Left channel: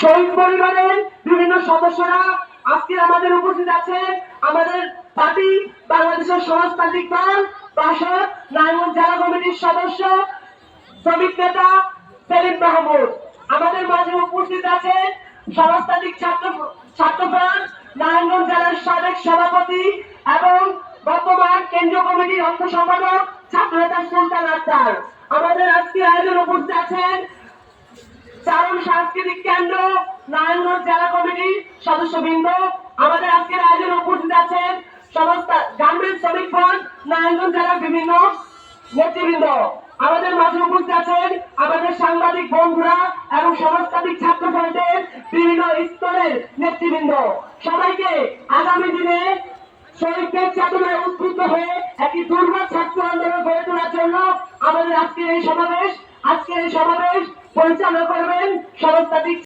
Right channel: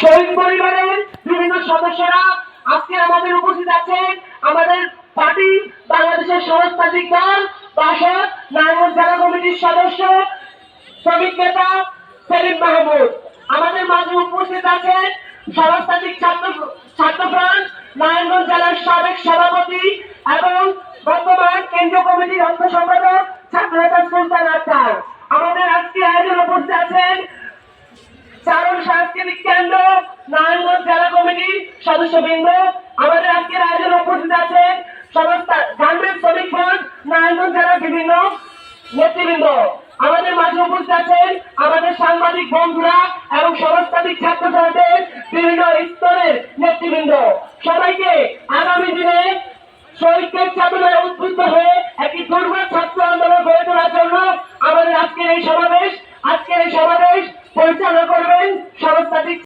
শহীদ পরিবারের বিভিন্ন সদস্যরা আজকে আমাদের উপস্থিত আছেন। আমাদের পার্টি বাংলাদেশের সমাজতান্ত্রিক দল বাসদ নারায়ণগঞ্জ জেলা কমিটির সদস্য শ্রমিক নেতা সেলিম মাহমুদ। আমাদের মাঝে উপস্থিত আছেন সমাজতান্ত্রিক ছাত্রফ্রন্ট নারায়ণগঞ্জ জেলার সাবেক সভাপতি এবং বর্তমান কেন্দ্রীয় কমিটির অর্থ সম্পাদক ছাত্রনেতা সুলতান আক্তার। আমাদের আজকে আয়োজন উপস্থিত আছেন চারণ সাংস্কৃতিক কেন্দ্র নারায়ণগঞ্জ জেলা কমিটির সদস্যবৃন্দ। আমাদের আজকের আয়োজন উপস্থিত আছেন গার্মেন্টস শ্রমিক ফ্রন্ট নারায়ণগঞ্জ জেলার বিভিন্ন নেতৃবৃন্দ। আমাদের মাঝে উপস্থিত আছেন আমাদের সাংবাদিক বন্ধুরা এবং সমাজতান্ত্রিক ছাত্র ফ্রন্টের বিভিন্ন স্তরের নেতৃবৃন্দ। সবাইকে আগামী দিনে শহীদদের চেতনায় উদ্বুদ্ধ হয়ে একটি দুর্বার ছাত্র আন্দোলন গড়ে তোলার জন্য আমাদের আজকের এই সমাবেশ পরিচালনা করবেন সমাজতান্ত্রিক